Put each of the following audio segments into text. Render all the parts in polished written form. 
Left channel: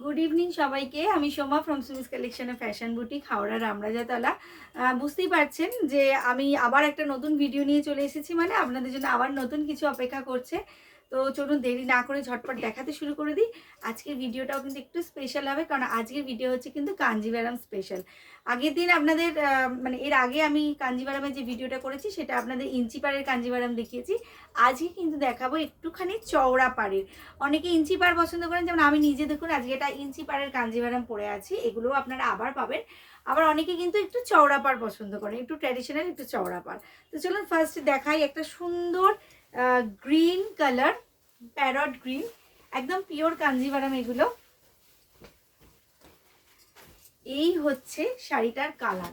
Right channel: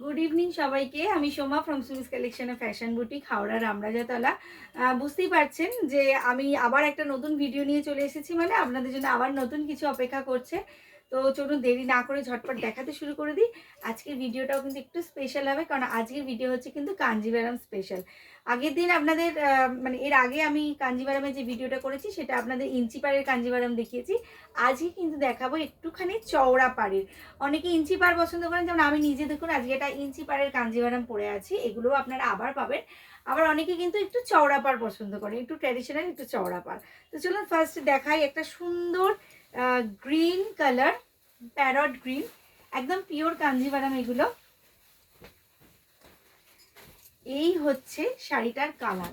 Good evening সবাইকে। আমি Soma from Sumi's collection fashion boutique, Howrah Ramrajatala. বুঝতেই পারছেন যে আমি আবার একটা নতুন ভিডিও নিয়ে চলে এসেছি, মানে আপনাদের জন্য আবার নতুন কিছু অপেক্ষা করছে। তো চলুন দেরি না করে ঝটপট দেখাতে শুরু করে দিই। আজকের ভিডিওটাও কিন্তু একটু স্পেশাল হবে, কারণ আজকের ভিডিও হচ্ছে কিন্তু কাঞ্জিভারাম স্পেশাল। আগের দিন আপনাদের মানে এর আগে আমি কাঞ্জিভারামের যে ভিডিওটা করেছি সেটা আপনাদের ইঞ্চি পাড়ের কাঞ্জিভারাম দেখিয়েছি। আজকে কিন্তু দেখাবো একটুখানি চওড়া পাড়ের। অনেকে ইঞ্চি পাড় পছন্দ করেন, যেমন আমি নিজে দেখুন আজকে এটা ইঞ্চি পাড়ের কাঞ্জিভারাম পরে আছি, এগুলোও আপনারা আবার পাবেন। আবার অনেকে কিন্তু একটু চওড়া পাড় পছন্দ করেন, একটু ট্র্যাডিশনাল একটু চওড়া পাড়। তো চলুন ফার্স্ট দেখাই একটা সুন্দর গ্রিন কালার, প্যারট গ্রিন, একদম পিওর কাঞ্জিভারাম এগুলো। এই হচ্ছে শাড়িটার কালার,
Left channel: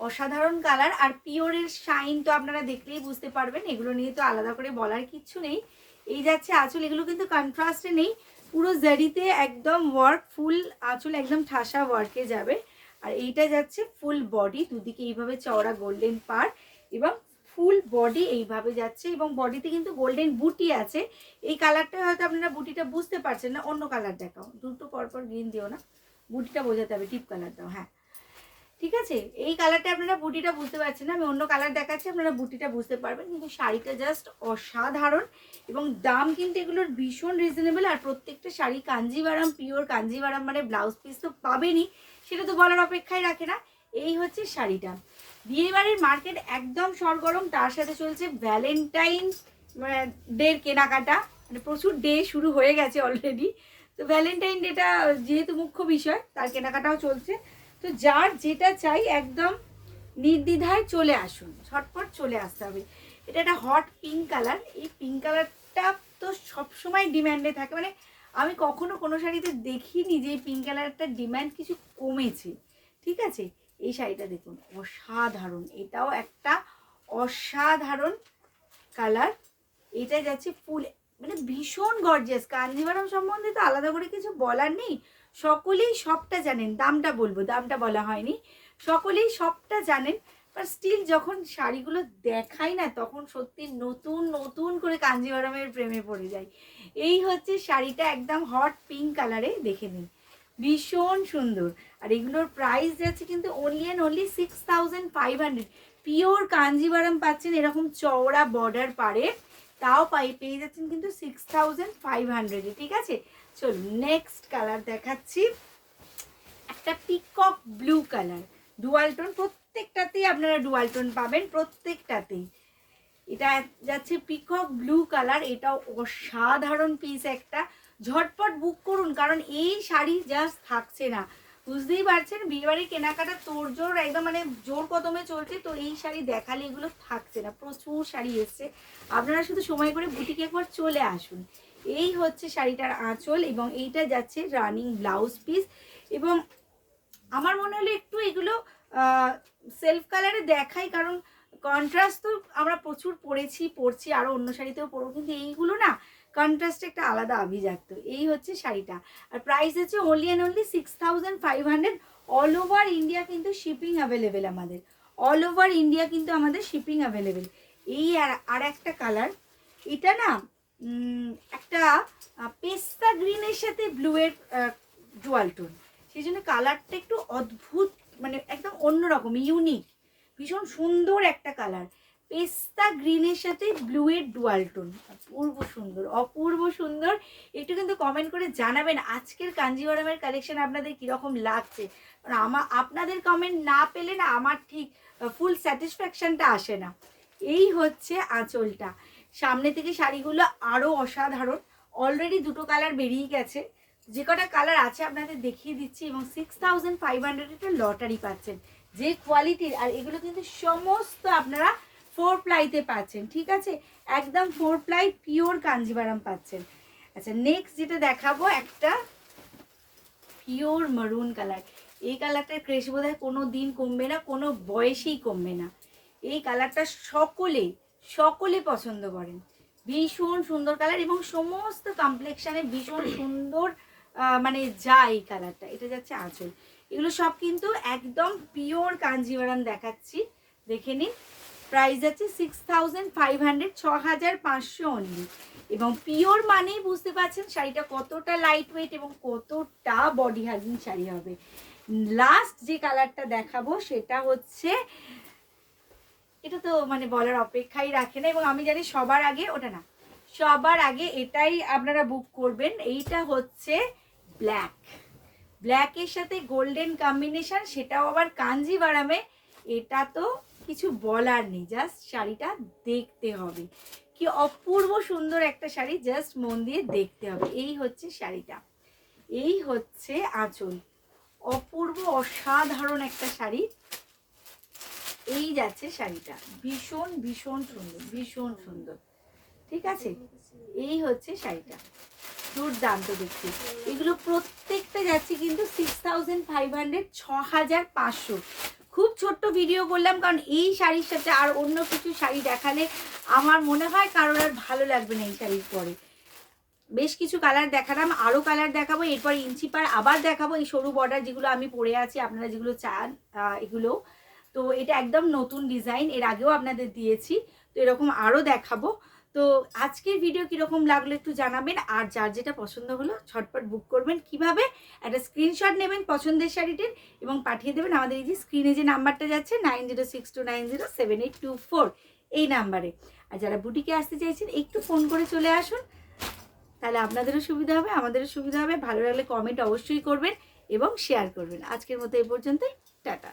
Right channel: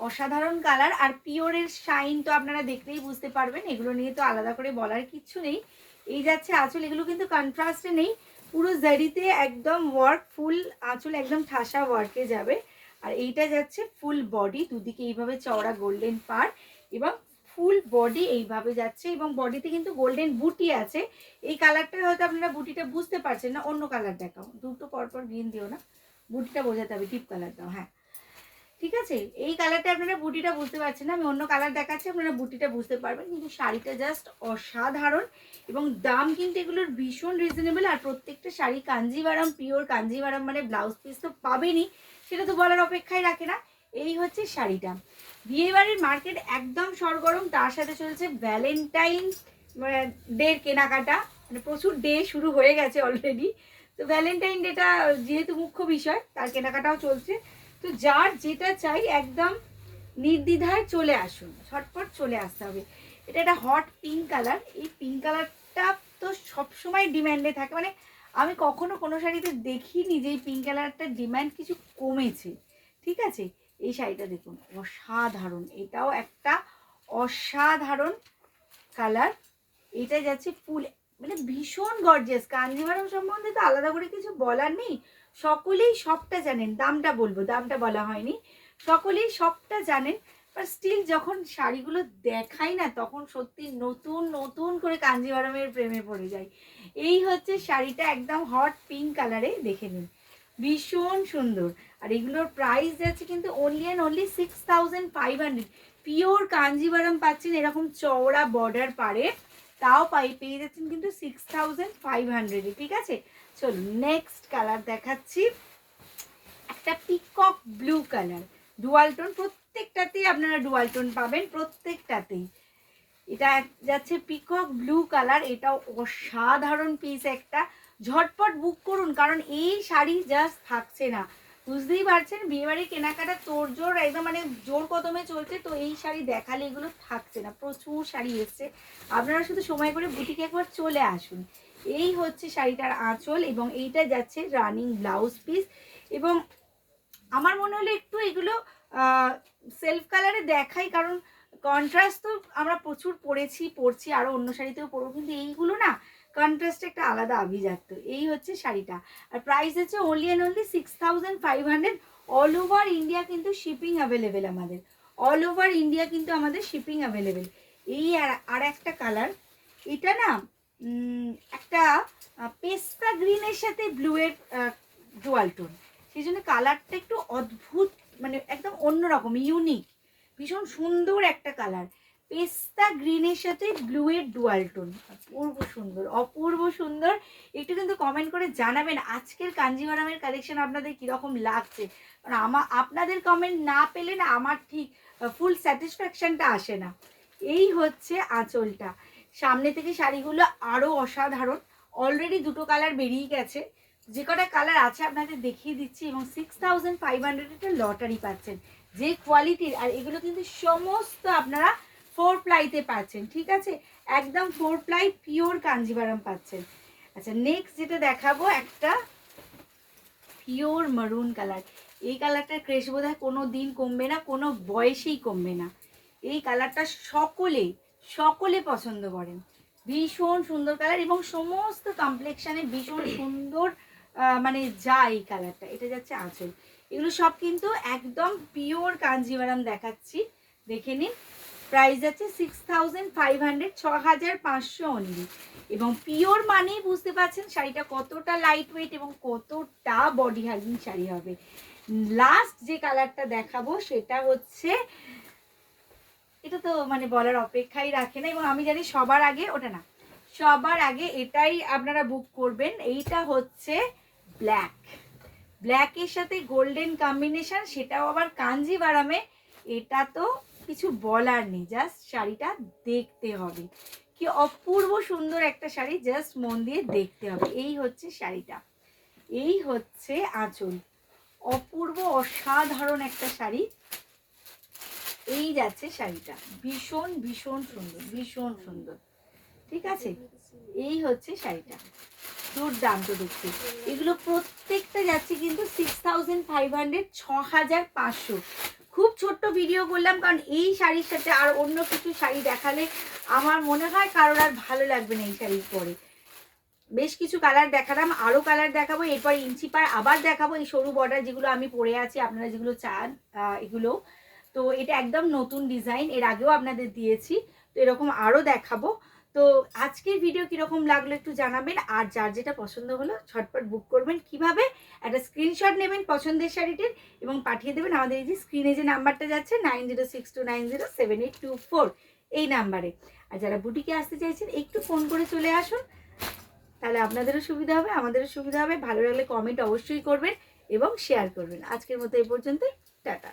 অসাধারণ কালার। আর পিওরের শাইন তো আপনারা দেখলেই বুঝতে পারবেন, এগুলো নিয়ে তো আলাদা করে বলার কিচ্ছু নেই। এই যাচ্ছে আঁচল, এগুলো কিন্তু কন্ট্রাস্টে নেই, পুরো জারিতে একদম ওয়ার্ক, ফুল আঁচল একদম ঠাসা ওয়ার্কে যাবে। আর এইটা যাচ্ছে ফুল বডি, দুদিকে এইভাবে চওড়া গোল্ডেন পাড় এবং ফুল বডি এইভাবে যাচ্ছে, এবং বডিতে কিন্তু গোল্ডেন বুটি আছে। এই কালারটা হয়তো আপনারা বুটিটা বুঝতে পারছেন না, অন্য কালার দেখাও, দুটো পরপর গ্রিন দিও না, বুটিটা বোঝাতে হবে, ডিপ কালার দাও। হ্যাঁ ঠিক আছে, এই কালারটা আপনারা বুটিটা বুঝতে পারছেন না, আমি অন্য কালার দেখাচ্ছি, আপনারা বুটিটা বুঝতে পারবেন। কিন্তু শাড়িটা জাস্ট অসাধারণ, এবং দাম কিন্তু এগুলোর ভীষণ রিজনেবল। আর প্রত্যেকটা শাড়ি কাঞ্জিভারাম, পিওর কাঞ্জিভারাম, মানে ব্লাউজ পিস তো পাবেনই, সেটা তো বলার অপেক্ষায় রাখে না। এই হচ্ছে শাড়িটা। বিয়েবাড়ির মার্কেট একদম সরগরম, তার সাথে চলছে ভ্যালেন্টাইন ডের কেনাকাটা, মানে প্রচুর ডে শুরু হয়ে গেছে অলরেডি। তো ভ্যালেন্টাইন ডেটা যেহেতু মুখ্য বিষয়, তার কেনাকাটাও চলছে। তো যার যেটা চাই একদম নির্দ্বিধায় চলে আসুন, ঝটপট চলে আসতে হবে। এটা একটা হট পিঙ্ক কালার, এই পিঙ্ক কালারটা তো সবসময় ডিম্যান্ডে থাকে, মানে আমি কখনো কোনো শাড়িতে দেখিনি যে এই পিঙ্ক কালারটার ডিম্যান্ড কিছু কমেছে। ঠিক আছে, এই শাড়িটা দেখুন, অসাধারণ, এটাও একটা অসাধারণ কালার। এটা যাচ্ছে ফুল, মানে ভীষণ গর্জিয়াস। কাঞ্জিভারাম সম্বন্ধে তো আলাদা করে কিছু বলার নেই, সকলেই সবটা জানেন। দামটা বলবো, দামটা বলা হয়নি, সকলেই সবটা জানেন। বাট স্টিল যখন শাড়িগুলো দেখাই না, তখন সত্যি নতুন নতুন করে কাঞ্জিভারামের প্রেমে পড়ে যায়। এই হচ্ছে শাড়িটা, একদম হট পিঙ্ক কালারে, দেখে নিন, ভীষণ সুন্দর। আর এগুলোর প্রাইস যাচ্ছে কিন্তু only and only 6500। Pure Kanjivaram পাচ্ছেন এরকম চওড়া বর্ডার পারে, তাও পেয়ে যাচ্ছেন কিন্তু 6500-এ। ঠিক আছে, চলুন নেক্সট কালার দেখাচ্ছি, একটা peacock blue colour, dual tone, প্রত্যেকটাতেই আপনারা ডুয়াল টোন পাবেন, প্রত্যেকটাতেই। এটা যাচ্ছে পিকক ব্লু কালার, এটাও অসাধারণ পিস একটা। ঝটপট বুক করুন, কারণ এই শাড়ি জাস্ট থাকছে না। বুঝতেই পারছেন বিয়েবাড়ির কেনাকাটা তোড়জোড় একদম, মানে জোর কদমে চলছে। তো এই শাড়ি দেখালে এগুলো থাকছে না, প্রচুর শাড়ি এসছে। আপনারা শুধু সময় করে বুটিকে একবার চলে আসুন। এই হচ্ছে শাড়িটার আঁচল, এবং এইটা যাচ্ছে রানিং ব্লাউজ পিস। এবং আমার মনে হলো একটু এগুলো সেলফ কালারে দেখাই, কারণ কন্ট্রাস্ট তো আমরা প্রচুর পরছি, আরও অন্য শাড়িতেও পরবো, কিন্তু এইগুলো না কন্ট্রাস্ট একটা আলাদা আভিজাত্য। এই হচ্ছে শাড়িটা। আর প্রাইস হচ্ছে only and only 6500। All over India কিন্তু শিপিং অ্যাভেলেবেল আমাদের, অল ওভার ইন্ডিয়া কিন্তু আমাদের শিপিং অ্যাভেলেবেল। এই আর একটা কালার, এটা না একটা পেস্তা গ্রিনের সাথে ব্লুয়ের ডুয়াল টোন, সেই জন্য কালারটা একটু অদ্ভুত, মানে একদম অন্যরকম, ইউনিক, ভীষণ সুন্দর একটা কালার। পেস্তা গ্রিনের সাথে ব্লুয়ের ডুয়াল টোন, অপূর্ব সুন্দর, অপূর্ব সুন্দর। একটু কিন্তু কমেন্ট করে জানাবেন আজকের কাঞ্জিভারামের কালেকশন আপনাদের কীরকম লাগছে, কারণ আপনাদের কমেন্ট না পেলে না আমার ঠিক ফুল স্যাটিসফ্যাকশানটা আসে না। এই হচ্ছে আঁচলটা। সামনে থেকে শাড়িগুলো আরও অসাধারণ, অলরেডি দুটো কালার বেরিয়ে গেছে, যে কটা কালার আছে আপনাদের দেখিয়ে দিচ্ছি। এবং 6500 একটা লটারি পাচ্ছেন, যে কোয়ালিটির। আর এগুলো কিন্তু সমস্ত আপনারা 4 প্লাইতে পাচ্ছেন। ঠিক আছে, একদম 4 প্লাই পিওর কাঞ্জিভারাম পাচ্ছেন। আচ্ছা নেক্সট যেটা দেখাবো, একটা পিওর মারুন কালার। এই কালারটার ক্রেশ বোধ হয় কোনো দিন কমবে না, কোনো বয়সেই কমবে না। এই কালারটা সকলে সকলে পছন্দ করেন, ভীষণ সুন্দর কালার, এবং সমস্ত কমপ্লেকশানে ভীষণ সুন্দর মানে যায় এই কালারটা। এটা যাচ্ছে আঁচল, এগুলো সব কিন্তু একদম পিওর কাঞ্জিভারাম দেখাচ্ছি, দেখে নিন। প্রাইস আছে 6500, 6500 অনলি। এবং পিওর মানেই বুঝতে পারছেন শাড়িটা কতটা লাইট ওয়েট এবং কতটা বডি হাগিং শাড়ি হবে। লাস্ট যে কালারটা দেখাবো সেটা হচ্ছে, এটা তো মানে বলার অপেক্ষাই রাখে না, এবং আমি জানি সবার আগে ওটা না, সবার আগে এটাই আপনারা বুক করবেন। এইটা হচ্ছে ব্ল্যাক, ব্ল্যাকের সাথে গোল্ডেন কম্বিনেশন, সেটাও আবার কাঞ্জিভারামে। এটা তো কিছু বলার নেই, জাস্ট শাড়িটা দেখতে হবে, কি অপূর্ব সুন্দর একটা শাড়ি, জাস্ট মন দিয়ে দেখতে হবে। এই হচ্ছে শাড়িটা, এই হচ্ছে আঁচল, অপূর্ব অসাধারণ একটা শাড়ি। এই যাচ্ছে শাড়িটা, ভীষণ ভীষণ সুন্দর, ভীষণ সুন্দর, ঠিক আছে। এই হচ্ছে শাড়িটা, দুর্দান্ত দেখতে। এগুলো প্রত্যেকটা যাচ্ছে কিন্তু 6500, 6500। খুব ছোট্ট ভিডিও করলাম, কারণ এই শাড়ির সাথে আর অন্য কিছু শাড়ি দেখালে আমার মনে হয় কারোর আর ভালো লাগবে না। এই শাড়ির পরে বেশ কিছু কালার দেখালাম, আরও কালার দেখাবো, এরপর ইঞ্চি পার আবার দেখাবো। এই সরু বর্ডার যেগুলো আমি পরে আছি, আপনারা যেগুলো চান এগুলো, তো এটা একদম নতুন ডিজাইন, এর আগেও আপনাদের দিয়েছি, তো এরকম আরও দেখাবো। তো আজকের ভিডিও কীরকম লাগলো একটু জানাবেন, আর যার যেটা পছন্দ হলো ঝটপট বুক করবেন। কিভাবে? একটা স্ক্রিনশট নেবেন পছন্দের শাড়িটির এবং পাঠিয়ে দেবেন আমাদের এই যে স্ক্রিনে যে নাম্বারটা যাচ্ছে 9062907824, এই নাম্বারে। আর যারা বুটিকে আসতে চাইছেন একটু ফোন করে চলে আসুন, তাহলে আপনাদেরও সুবিধা হবে, আমাদেরও সুবিধা হবে। ভালো লাগলে কমেন্ট অবশ্যই করবেন এবং শেয়ার করবেন। আজকের মতো এই পর্যন্তই, টাটা।